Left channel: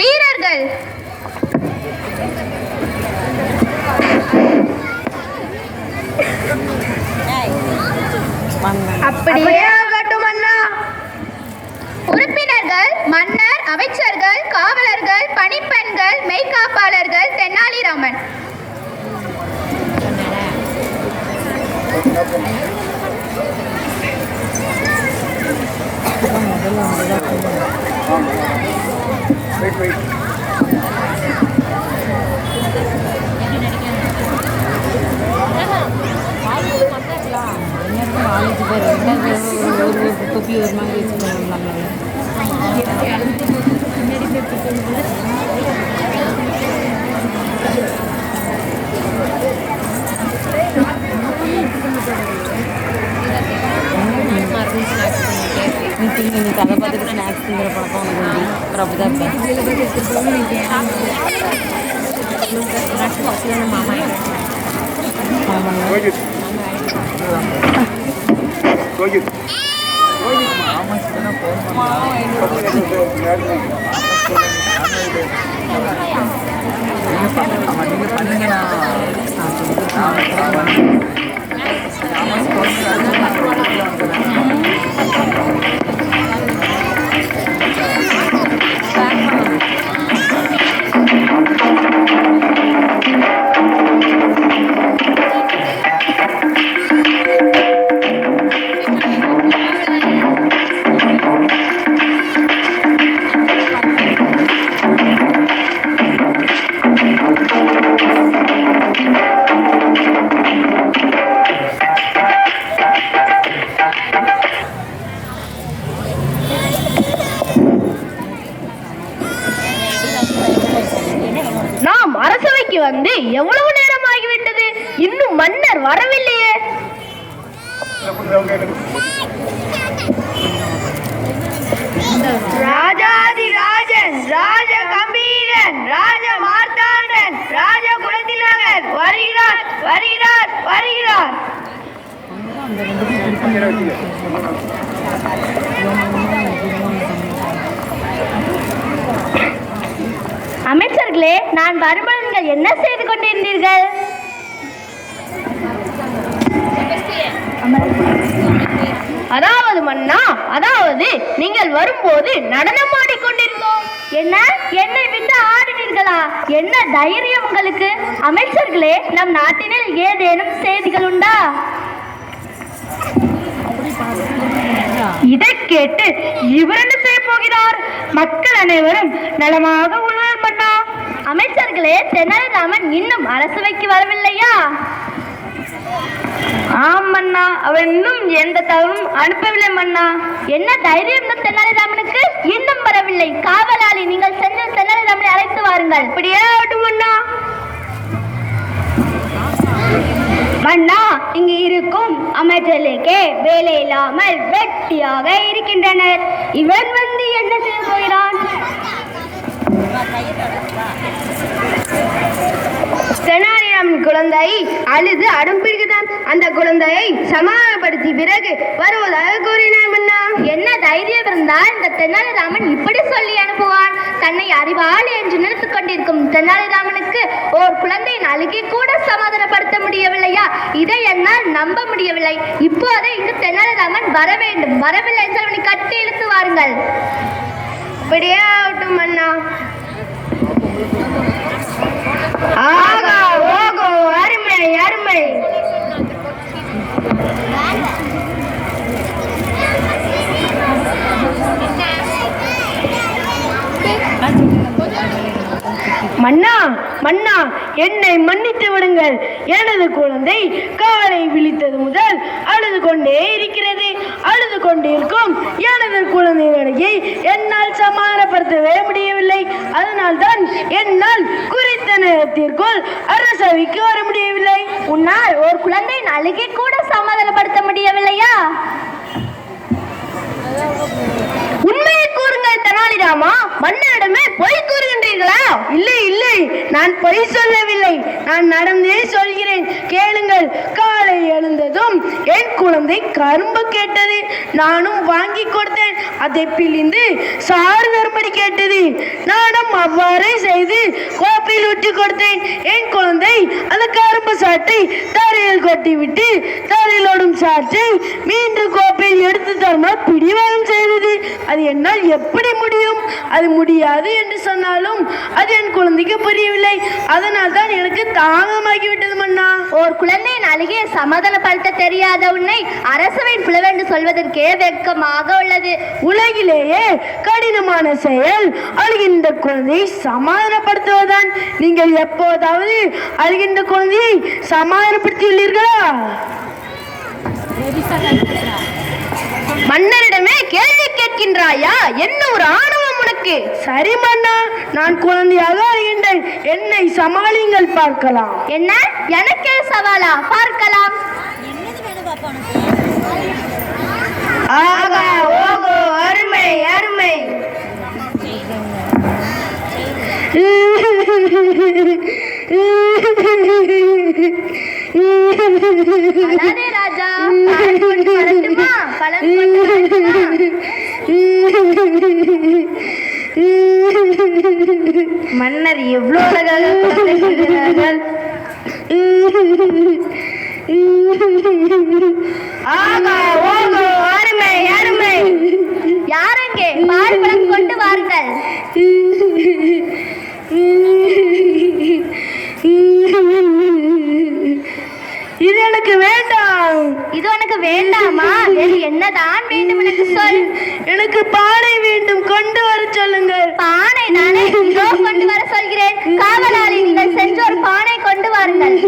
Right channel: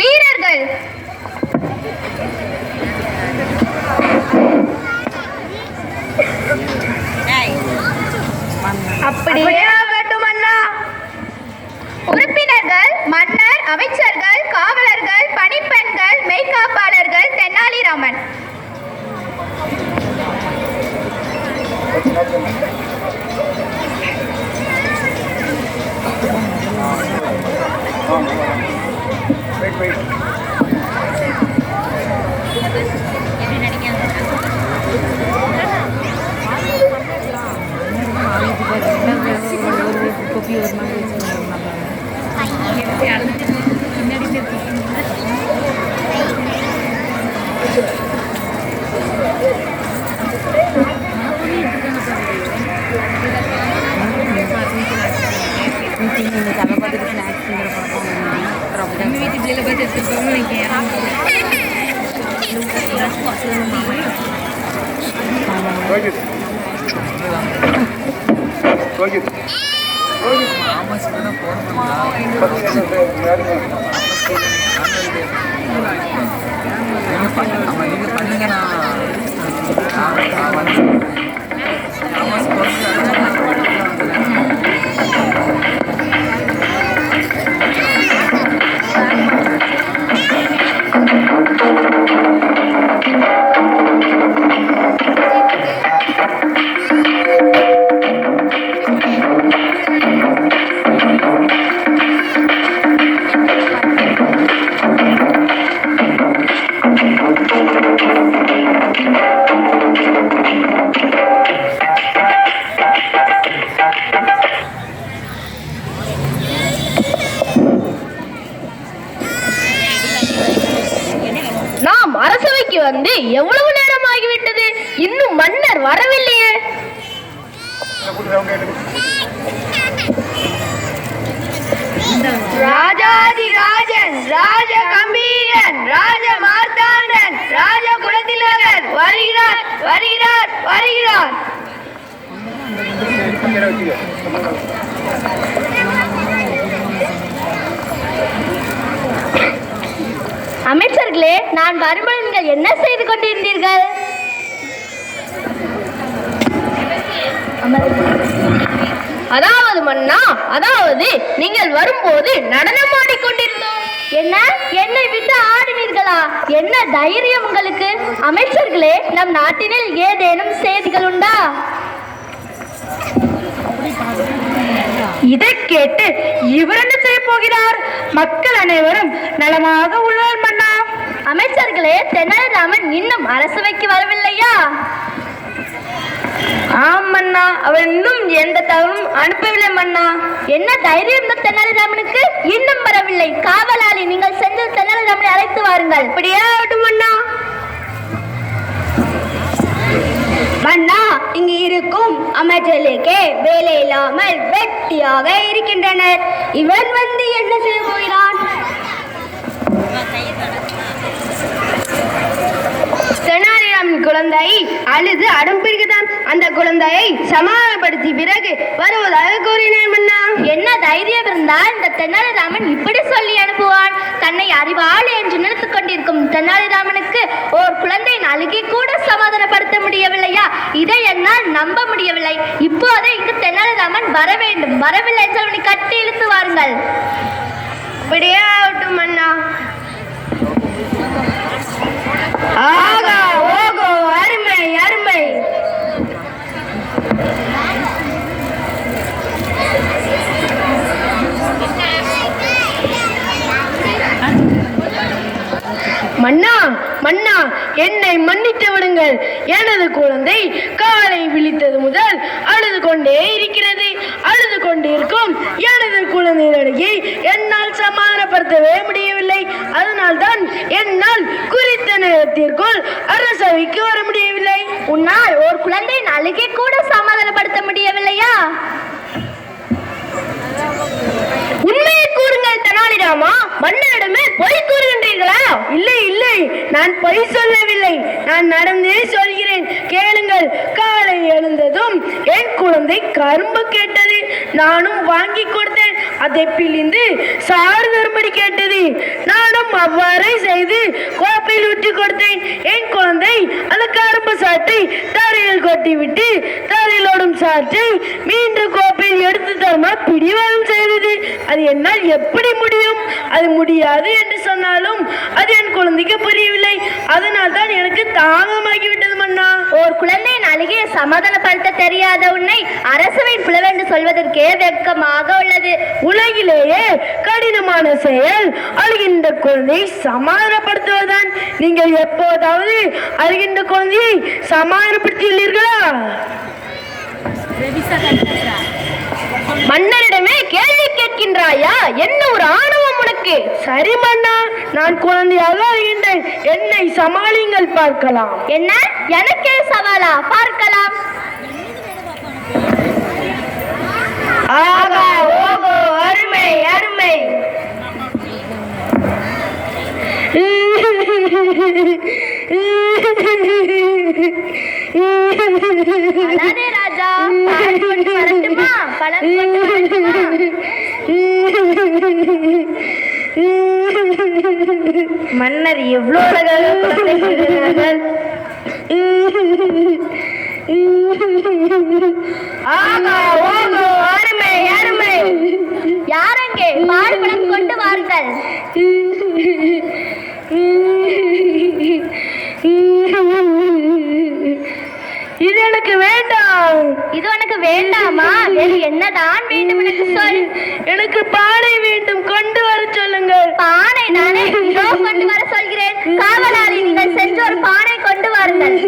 வீரர்கள் அப்படியே ஆகட்டும் அண்ணா. உறுப்பினர்கள் மன்னர், அமைச்சர்கள், காவலர்கள், பணிப்பெண்கள், மெய்காப்பாளர்கள், தெனாலிராமன். நீங்க பண்ணுங்க. நான் வந்து ஆமாம் போன நான் ஒரு வீட்டில் வந்துடுறேன். நாம் அரசவைக்கு வந்து எவ்வளவு நேரம் ஆகிவிட்டது, இன்னும் மன்னர் வரவில்லையே. ராஜாதிராஜன், ராஜ கம்பீரன், ராஜ மார்த்தாண்டன், ராஜ குலத்திலகர் வருகிறார், வருகிறார், வருகிறார். அமைச்சர்களே, நான் வரும்போது நீங்கள் என்ன செய்து கொண்டிருந்தீர்கள்? அதாவது மன்னா, அதாவது நீங்கள் வரும்போது நடனம் ஆடிக்கொண்டிருந்தோம். என்ன, என்னை விட்டு ஆடினீர்களா? என்ன தைரியம் உங்களுக்கு? அமைச்சர்களே, நம் நாட்டினில் ஏதேனும் செய்திகள் உண்டா? இதை கேட்டு இவர் என்ன செய்ய போகிறார்? மக்கள் அனைவரும் நலமாக உள்ளார் மன்னா. அமைச்சர்களே, தெனாலிராமன் இன்னும் அரசவைக்கு வரவில்லையா? ஆம் மன்னா, அவர் இன்னும் எந்த தகவலும் அனுப்பவில்லை மன்னா. என்ன தைரியம் இந்த தெனாலிராமனுக்கு? இன்னும் வரவில்லை. காவலாளி, நீங்கள் சென்று தெனாலிராமனை அழைத்து வாருங்கள். இப்படியே ஆகட்டும் மன்னா. மன்னா, இங்கு இருக்கும் அமைச்சர்களுக்கே வேலை இல்லாமல் வெட்டியாக இருக்கின்றனர். இவன் வந்து என்ன செய்ய போகிறான்? தெனாலிராமன் குழந்தை அழுது அடம்பிடிக்குதான். அந்த குழந்தையை சமாதானப்படுத்தி பிறகு வருவதாக கூறினார் மன்னா. என்ன தைரியம் இருந்தால் இந்த தெனாலிராமன் இப்படி சொல்லி அனுப்புவான்? தன்னை அறிவாளி என்று நினைத்துக் கொண்டிருக்கும் தெனாலிராமனுக்கு ஓர் குழந்தையின் அழுகை கூட சமாதானப்படுத்த முடியவில்லையா? இதை என்னால் நம்ப முடியவில்லை. இப்போதே இங்கு தெனாலிராமன் வர வேண்டும். வரவில்லை என்று அவனை கட்டி இழுத்து வாருங்கள். இப்படியே ஆகட்டும் மன்னா. ஆகா ஓகோ, அருமை அருமை. மன்னா, மன்னா, என்னை மன்னித்து விடுங்கள். எனது குழந்தை காலை விழித்தது முதல் அழுது கொண்டே இருக்கிறது. அழுது கொண்டிருக்கும் எனது குழந்தையை என்னால் சமாதானப்படுத்தவே முடியவில்லை. அதனால்தான் என்னால் குறித்த நேரத்திற்குள் அரசவைக்கு வர முடியவில்லை. உன்னால் ஒரு குழந்தையின் அழுகை கூட சமாதானப்படுத்த முடியவில்லையா? உண்மையை கூறுங்கள் தெனாலிராமா. மன்னரிடமே பொய் கூறுகின்றீர்களா? இல்லை இல்லை, நான் பொய் சொல்லவில்லை. நான் நடந்தே சொல்கிறேன், கேளுங்கள். காலை எழுந்ததும் என் குழந்தை கரும்பு கேட்டது. நானும் வாங்கி கொடுத்தேன். அதை பிழிந்து சாறு தரும்படி கேட்டது. நானும் செய்து கோப்பையில் ஊற்றி கொடுத்தேன். என் குழந்தை அந்த கரும்பு சாற்றை தரையில் கொட்டிவிட்டு தரையில் ஓடும் சாற்றை மீண்டும் கோப்பையில் எடுத்து தருமாறு பிடிவாதம் செய்தது. அது என்னால் எப்படி முடியும்? அது முடியாது என்று சொன்னாலும் அது என் குழந்தைக்கு புரியவில்லை. அதனால் தான் எனக்கு தாமதமாகிவிட்டது மன்னா. ஒரு குழந்தையின் அழுகையை சமாதானப்படுத்த தெரியாத உன்னை அரசவையின் புலவென்று சொல்வதற்கே வெட்கமாக உள்ளது. உலகிலேயே கடினமான செயல் அழுகின்ற குழந்தையை சமாதானப்படுத்துவதுதான். நீங்கள் எப்போதாவது அழுகின்ற குழந்தையை சமாதானப்படுத்தியுள்ளீர்களா? மன்னரிடமே கேள்வி கேட்கின்றாயா? என்ன ஒரு ஆணவம் உனக்கு? சரி மன்னா, நான் குழந்தையாக அழுகின்றேன். என்னை சமாளிங்கள், பார்க்கலாம். என்ன, எனக்கே சவாலா? பார்க்கலாம். ஆகா ஓகோ, அருமை அருமை. அழாதே ராஜா, பலன் கொண்டு வரட்டுமா? பலன் கொண்டு வரட்டுமா? மன்னர் எவ்வளவு அழகாக சொல்கிறார்கள். ஆகா ஓகோ, அருமை அருமை. யாரங்கே? பால்பழம் கொண்டு வாருங்கள். இது எனக்கு வேண்டாம். இது உனக்கு வேண்டாமா? வேறு என்னதான் வேண்டும் எனக்கு சொல். எனக்கு பானை வேண்டும், கொண்டு வர சொல்லுங்கள். பானை தானே, இதோ கொண்டு வர சொல்கிறேன். காவலாளி, நீங்கள் சென்று ஒரு பானை கொண்டு வாருங்கள்.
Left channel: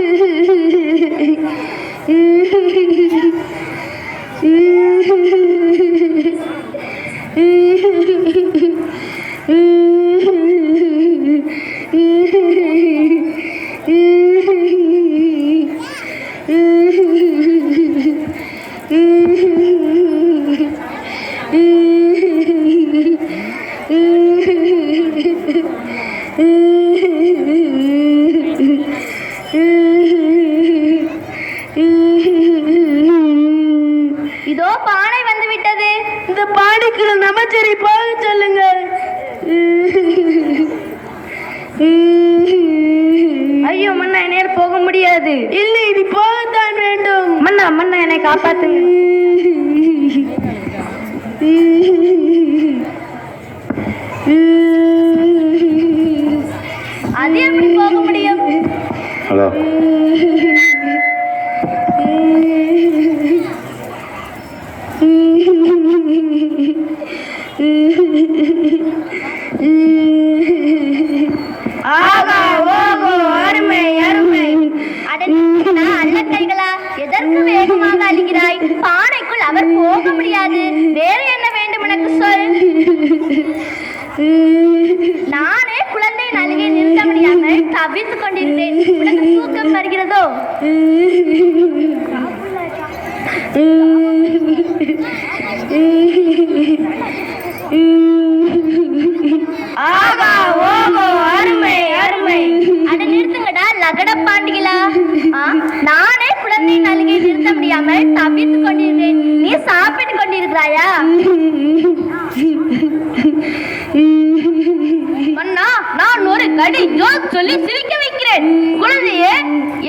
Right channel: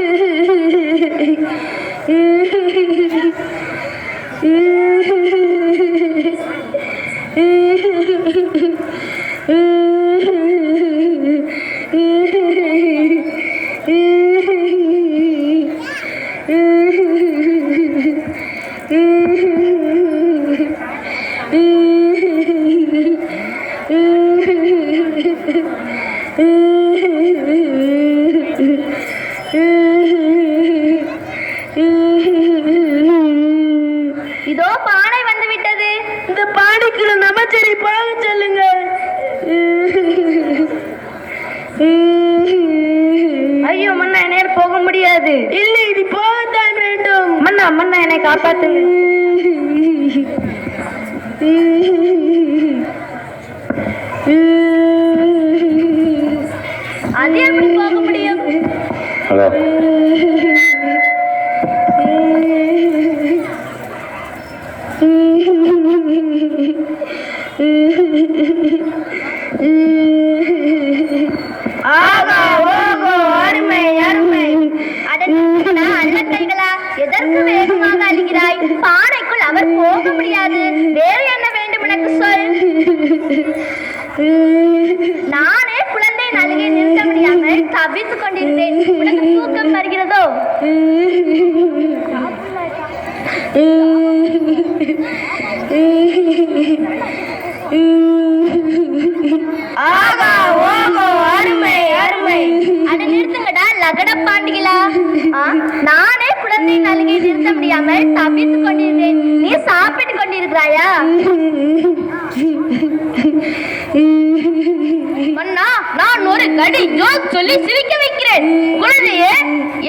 இதோ பானை வந்து விட்டது. இந்த பானைக்குள்ள நமச்சரை போக சொல்லுங்கள். ஐயோ மன்னா, என்னை போக முடியாது. இல்லை, இது போகத்தான் வேண்டும். மன்னா மன்னா, என்னை காப்பாத்துங்க. அது எப்படி போக முடியும்? ஹலோ, ஆகா ஓகோ, அருமை அருமை. அல்லக்கைகளா, எதற்கு வேகமாக அழுகிறாய்? பானைக்குள் அவர் போக முடியாது. வேறு என்ன வேண்டும் எனக்கு சொல். நானே குழந்தையின் அழுகை நிறுத்த முடியாமல் தவித்துக் கொண்டிருந்தேன். உனக்கு தூக்கம் வருகிறதோ? ஆகா ஓகோ, அருமை அருமை. அட நிறுத்துங்கடா லகட பாண்டிகளா. நானே குழந்தையின் அழுகை நிறுத்த முடியாமல் தவித்துக் கொண்டிருந்தேன். நீ சாப்பிட்டுக் கொண்டிருக்கிறாயா? மன்னா, நான் ஒரு கடி ஜோக் சொல்லி சிரிக்க வைக்கிறேன். குழந்தையே,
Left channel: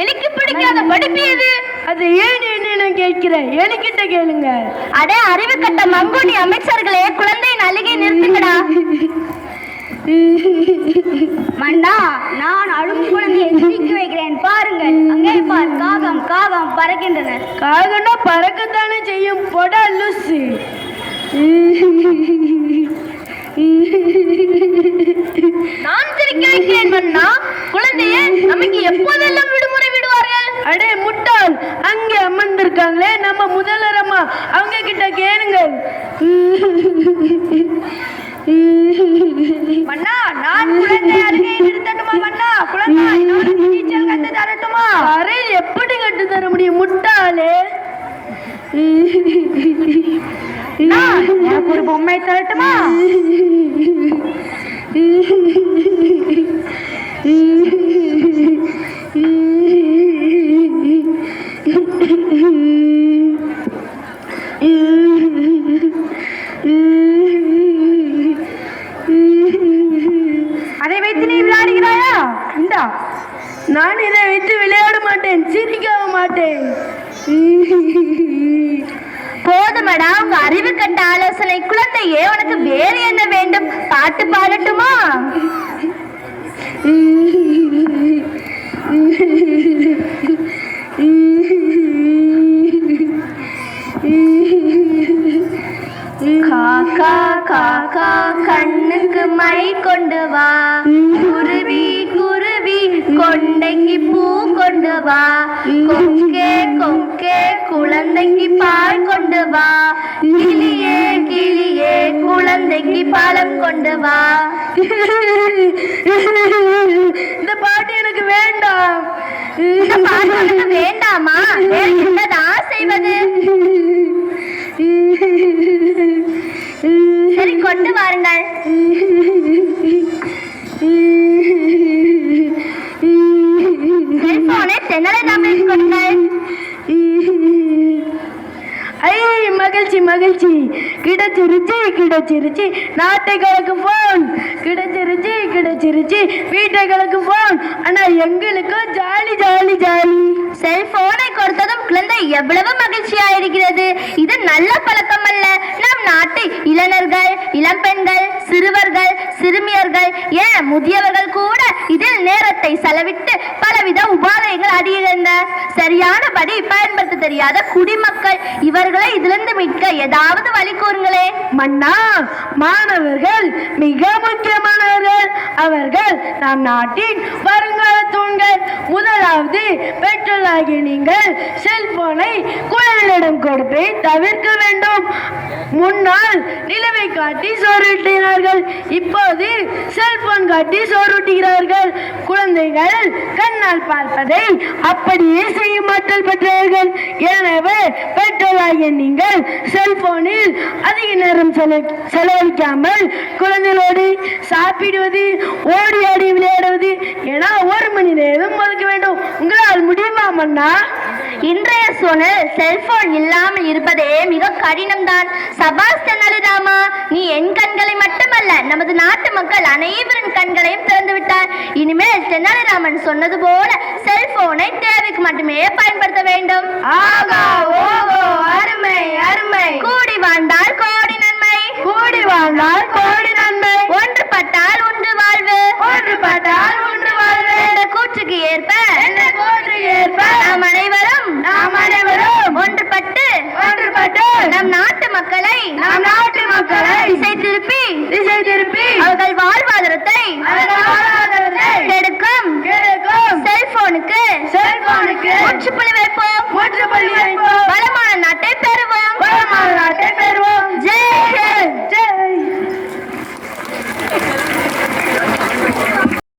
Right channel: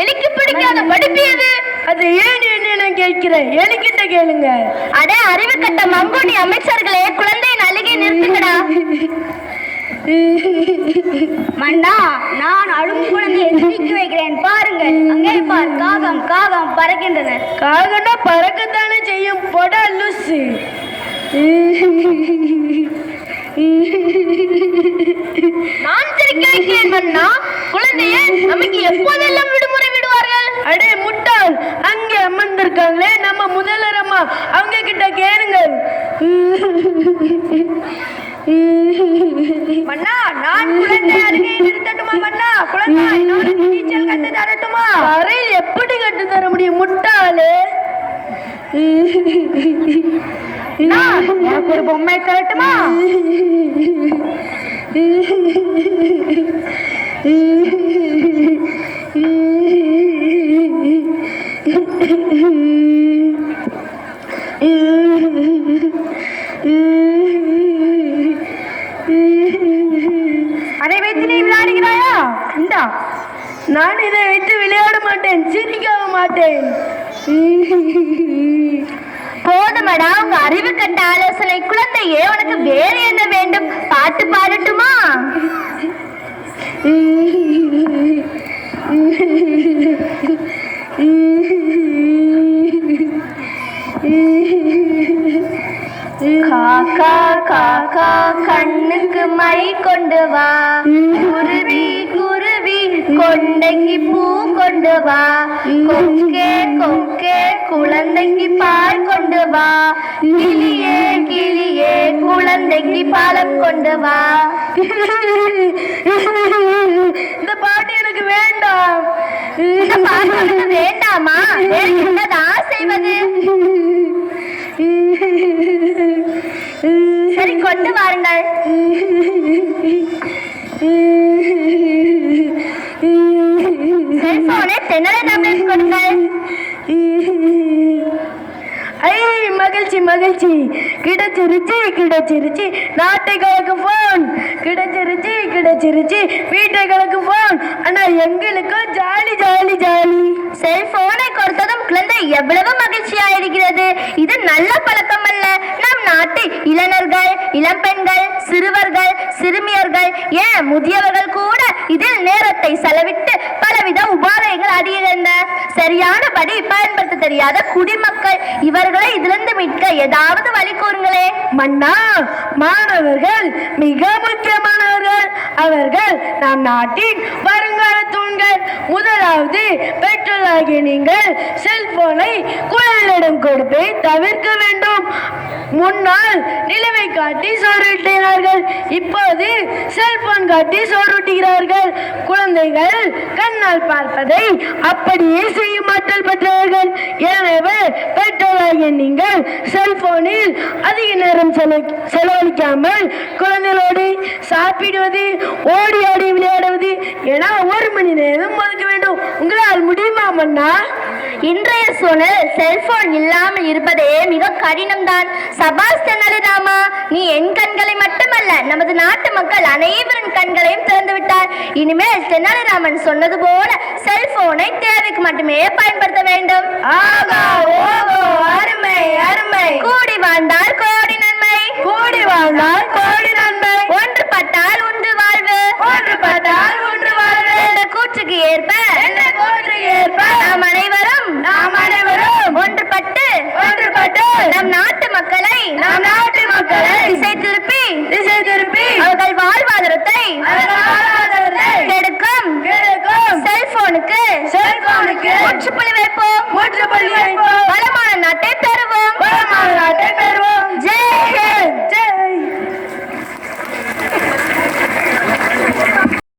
எலிக்கு பிடிக்காத படிப்பியது. அது ஏன் என்று நான் கேட்கிறேன், என்கிட்ட கேளுங்க. அட அறிவு கட்ட மங்குடி அமைச்சர்களே, குழந்தையின் அழுகை நிறுத்துங்கடா. மன்னா, நான் அழும் குழந்தையை சிரிக்க வைக்கிறேன். பாருங்கள், அங்கே பார், காகம் காகம் பறக்கின்றன. காகனா பறக்கத்தானே செய்யும், பொடா லூசு. நான் சிரிக்க வைக்கிறேன் மன்னா. குழந்தையே, நமக்கு எப்போதெல்லாம் விடுமுறை விடுவார்கள்? அடே முட்டாள், அங்கே அமர்ந்திருக்காங்களே நம்ம முதல்வர் அம்மா, அவங்க கிட்ட கேளுங்கள். மன்னா, நான் குழந்தை அழுகையை நிறுத்தட்டுமா மன்னா? குழந்தை நீச்சல் கத்து தரட்டுமா? அறையில் எப்படி கட்டு தர முடியும் முட்டாளே? எனக்கு ஒரு பொம்மை தரட்டுமா? மாட்டேன். போதுமடா உங்க அறிவு கட்ட ஆலோசனை. குழந்தையே, உனக்கு வேறு என்ன வேண்டும்? பாட்டு பாடட்டுமா? காக்கா காக்கா கண்ணுக்கு மை கொண்டு வா, குருவி குருவி கொண்டைக்கு பூ கொண்டு வா, கொக்கே கொக்கே குழந்தைக்கு பால் கொண்டு வா, கிளியே கிளியே குழந்தைக்கு பழம் கொண்டு வா. இந்த பாட்டு எனக்கு வேண்டாம். இந்த பாட்டு உனக்கு வேண்டாமா? என்னதான் செய்வது? சரி, கொண்டு வாருங்கள். செல்போனை தென்னலிராமனுக்கு கொடுங்கள். ஐ, மகிழ்ச்சி மகிழ்ச்சி, கிடைச்சிருச்சு கிடைச்சிருச்சு. நாட்டை கலக்கும் போன் கிடைச்சிருச்சு கிடைச்சிருச்சு. வீட்டை கலக்கும் போன். ஆனா எங்களுக்கும் ஜாலி ஜாலி ஜாலி. செல்போனை கொடுத்ததும் குழந்தை எவ்வளவு மகிழ்ச்சியா இருக்கிறது. இது நல்ல பழக்கம் அல்ல. நம் நாட்டு இளைஞர்கள், இளம்பெண்கள், சிறுவர்கள், சிறுமியர்கள், ஏன் முதியவர்கள் கூட இதில் நேரத்தை செலவிட்டு பலவித உபாதைகள் அடைகின்றன. சரியானபடி பயன்படுத்த தெரியாத குடிமக்கள், இவர்களை இதிலிருந்து மீட்க ஏதாவது வழி கூறுங்களே. மன்னா, மாணவர்கள் மிக முக்கியமானவர்கள். அவர்கள் நம் நாட்டின் வருங்கால தூண்கள். முதலாவது, பெற்றோராகிய நீங்கள் செல்போனை குழந்தைகளிடம் கொடுப்பதை தவிர்க்க வேண்டும். முன்னால் நிலவை காட்டி சோறுட்டினார்கள், இப்போது செல்போன் காட்டி சோறுட்டுகிறார்கள். குழந்தைகள் கண்ணால் பார்ப்பதை அப்படியே செய்ய மாற்றல் பெற்றவர்கள். எனவே பெற்றோராகிய நீங்கள் செல்போனில் அதிக நேரம் செலவழிக்காமல் குழந்தைகளோடு சாப்பிடுவது, ஓடி ஆடி விளையாடுவது என 1 மணி நேரம் ஒதுக்க வேண்டும். உங்களால் முடியுமா மன்னா? இன்றைய சூழல் செல்போன் இல்லாமல் இருப்பதே மிக கடினம்தான். சபாஸ் தென்னலிராமா, நீ என் கண்களை மட்டுமல்ல, நமது நாட்டு மக்கள் அனைவரின் கண்களையும் திறந்து விட்டார். இனிமேல் தென்னலிராமன் சொன்னது போல செல்போனை தேவைக்கு மட்டுமே